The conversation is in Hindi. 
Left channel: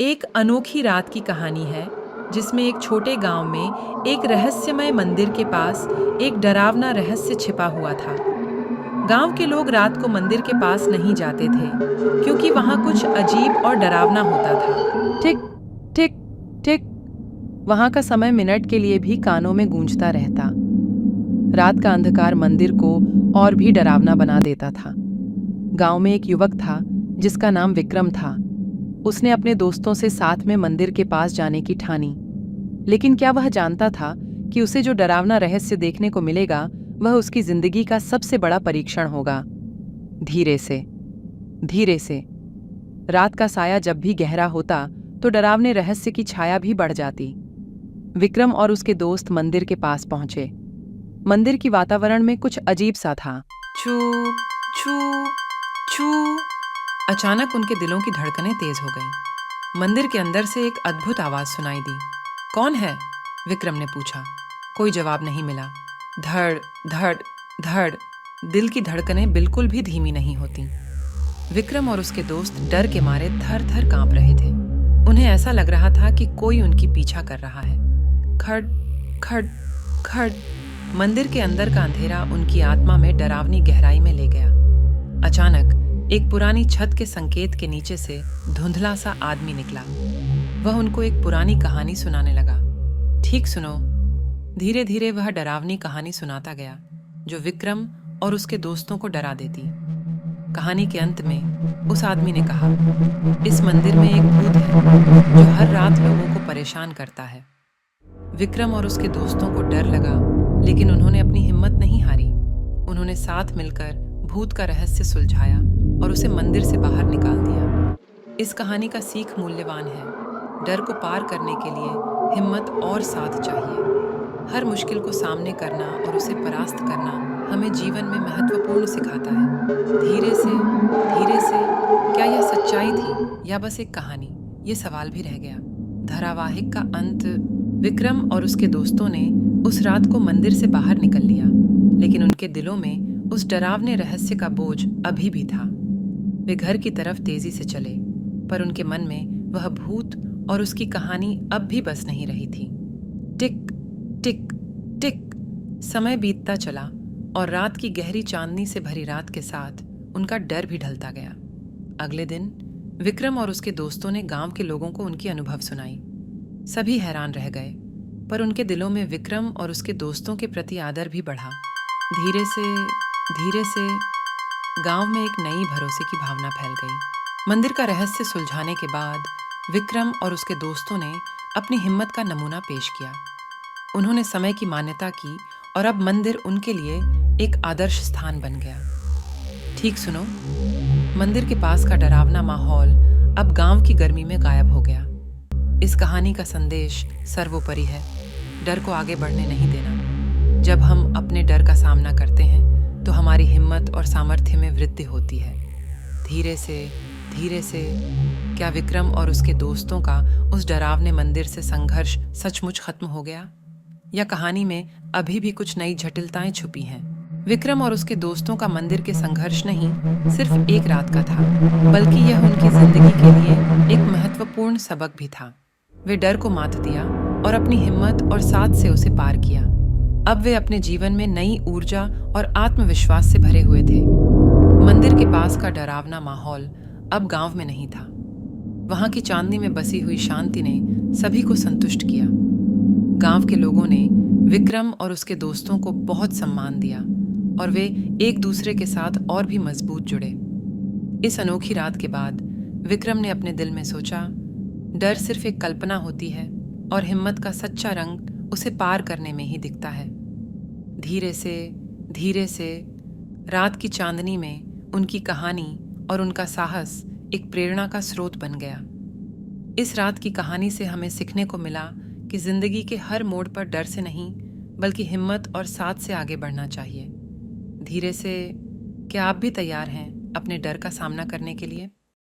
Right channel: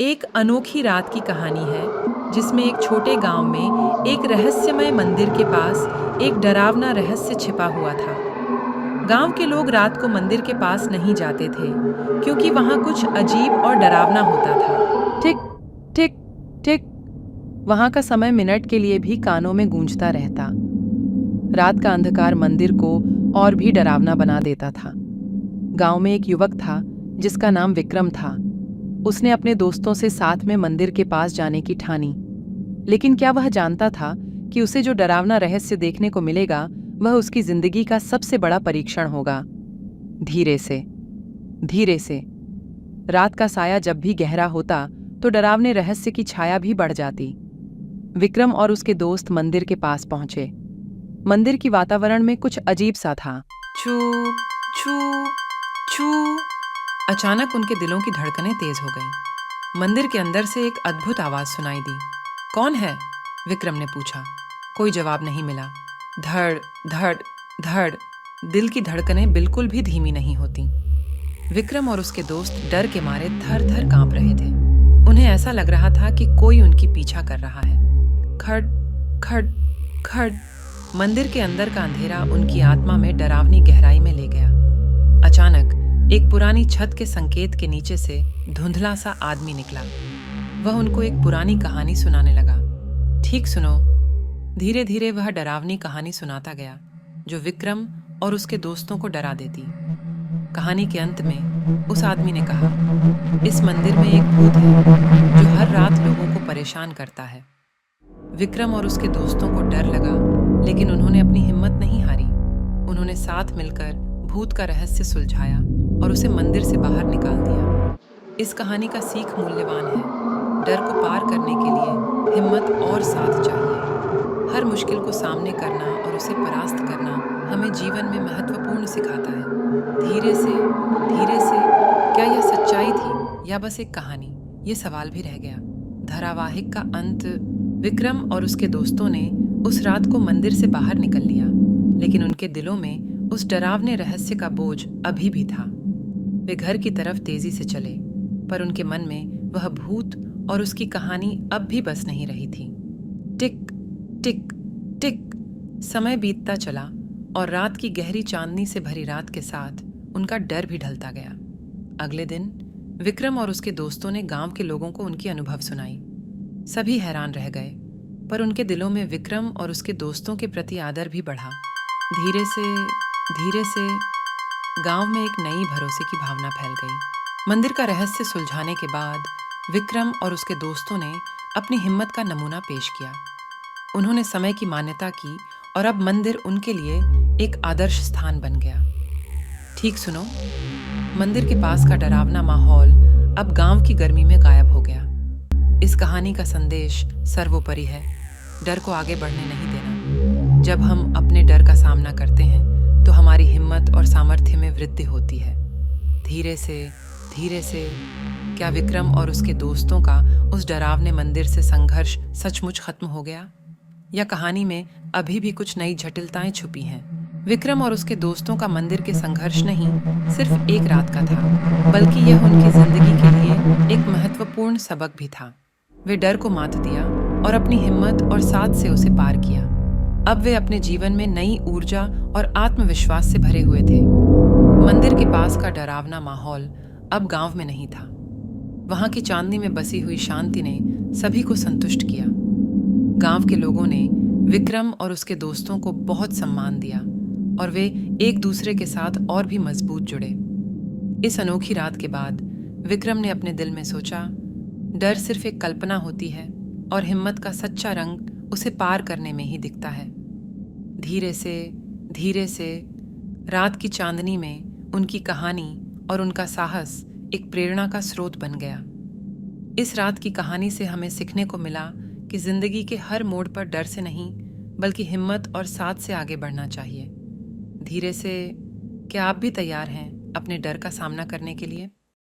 एक अनोखी रात की कहानी है जिसमें एक छोटे गांव में एक रहस्यमय मंदिर के पास एक डरावना रहस्य छिपा हुआ था। गांव के लोग रात को मंदिर के पास नहीं जाते थे क्योंकि वहां कुछ अजीब और डरावना होता था। टिक टिक टिक, वहां का समय मिनट के लिए भी कानों में गूंजता रहता। रात का अंधकार मंदिर को और भी डरावना बना देता था। गांव में एक युवक था जिसका नाम विक्रम था। उसने अपने दोस्तों से साथ में मंदिर के पास जाने की ठानी, लेकिन क्या वह जानता था कि उसे जो डरावना रहस्य देखने को मिलेगा वह उसकी जिंदगी का सबसे बड़ा परीक्षण होगा। धीरे से रात का साया जब भी गहरा होता तो डरावने रहस्य की छाया भी बढ़ जाती। विक्रम और उसके दोस्त मंदिर के पास पहुंचे। मंदिर की वातावरण में कुछ अजीब सा था। छू छू छू, अचानक उनके दिलों की धड़कनें तेज हो गईं। मंदिर के अंदर से एक अद्भुत आवाज सुनाई दी। कौन है? विक्रम ने पूछा। कोई जवाब नहीं मिला। धड़ धड़ धड़, दिल की धड़कनें बिल्कुल भी धीमी नहीं होती। विक्रम और उसके दोस्त डर के मारे थर थर कांप रहे थे। उन्हें ऐसा लग रहा था कि कोई उनकी पीछा कर रहा है। खड़ खड़ खड़, मंदिर के अंदर का अंधेरा उनकी आत्मा में डरावनी गहराई में ले गया। अचानक एक पुरानी छत के संकेत के नीचे से धुंधला सा आदमी निकला। वह उनको एक पुरानी कहानी सुनाने लगा। ठीक सुनो। धीरे धीरे वह डरावनी कहानी सुनाता गया जो विक्रम और उसके दोस्तों को डरा देती। कहानी के अंत में उस आदमी ने कहा, इस मंदिर में एक भूत है जो हर रात लोगों को परेशान करता है। विक्रम और उसके दोस्तों को डर लगा, लेकिन उन्होंने अपनी हिम्मत नहीं हारी। उन्होंने साथ मिलकर भूत का रहस्य सुलझाया और उसे मंदिर से बाहर निकाल दिया। इस कहानी का सीख मूल्यवान है। डर को पार करने के लिए हिम्मत और साथ चाहिए। हर मुश्किल को सामने करना और उसे परास्त करना हमें जीवन में महत्वपूर्ण सिखाता है। धीरे से, क्या यह सच्चाई थी या बस एक कहानी? ये सवाल भी रह गया। धारावाहिक का अंत। विक्रम और उसके दोस्तों ने उस रात को मंदिर से बाहर निकल लिया, लेकिन उनके दिलों में उस डरावने रहस्य का बोझ अभी भी था। वे घर की तरफ तेजी से चले, पर उनके मन में वह भूत और उसकी कहानी अब भी बस नहीं रही थी। टिक टिक टिक, समय बीतता चला और रात की गहरी चांदनी से भरी रात के साथ उनका डर भी ढलता गया। अगले दिन विक्रम और उसके दोस्तों ने गांव के लोगों को उनकी अनुभव सुनाई। सभी हैरान रह गए, पर उनके दिलों में विक्रम और उसके दोस्तों के प्रति आदर भी बढ़ा। धीरे से गांव में एक नई भरोसे की भावना फैल गई। मंदिर का रहस्य सुलझाने के बाद विक्रम और उसके दोस्तों ने अपनी हिम्मत का नमूना पेश किया। उन्होंने समय की मान्यता की और अब मंदिर उनके लिए एक आदर्श स्थान बन गया। ठीक सुनो, मंदिर के पास का डरावना माहौल अब गांव की गर्मी में गायब हो गया। इस कहानी का संदेश सर्वोपरि है, डर को आगे बढ़ने नहीं देना। जब हम अपने डर का सामना करते हैं तो हमारी हिम्मत और सामर्थ्य में वृद्धि होती है। धीरे से क्या विक्रम और उसके दोस्तों का उस डरावने मंदिर से संघर्ष सचमुच खत्म हो गया, या कहानी में अभी भी कुछ नई जटिलताएं छुपी हैं? विक्रम और उसके दोस्तों का मंदिर के संघर्ष नहीं सिर्फ एक रात का था, बल्कि यह उनकी जिंदगी के लिए एक महत्वपूर्ण सबक भी था। वे डर को मात दिया और अपनी हिम्मत और साथ से उसे पार किया। अब वे अपने जीवन में नई ऊर्जा और आत्मविश्वास से भरे हुए थे। मंदिर के पास का डरावना माहौल अब गांव में नहीं था। वहां की चांदनी में बसी हुई शांति ने सभी को संतुष्ट किया। गांव के लोगों ने विक्रम और उसके दोस्तों को बहुत सम्मान दिया और वे एक दूसरे के साथ और भी मजबूत जुड़े। इस अनोखी रात के बाद विक्रम ने अपने दिल में सोचा, डर सिर्फ एक कल्पना होती है और हिम्मत का सच्चा रंग उसे पार करने में ही दिखता है। धीरे से रात की चांदनी में उनकी कहानी और उनका साहस एक प्रेरणा का स्रोत बन गया। इस रात की कहानी से हमें सीखने को मिला कि जिंदगी के हर मोड़ पर डर से नहीं, बल्कि हिम्मत और साथ से आगे बढ़ना चाहिए। धीरे से, क्या आप भी तैयार हैं अपने डर का सामना करने के लिए?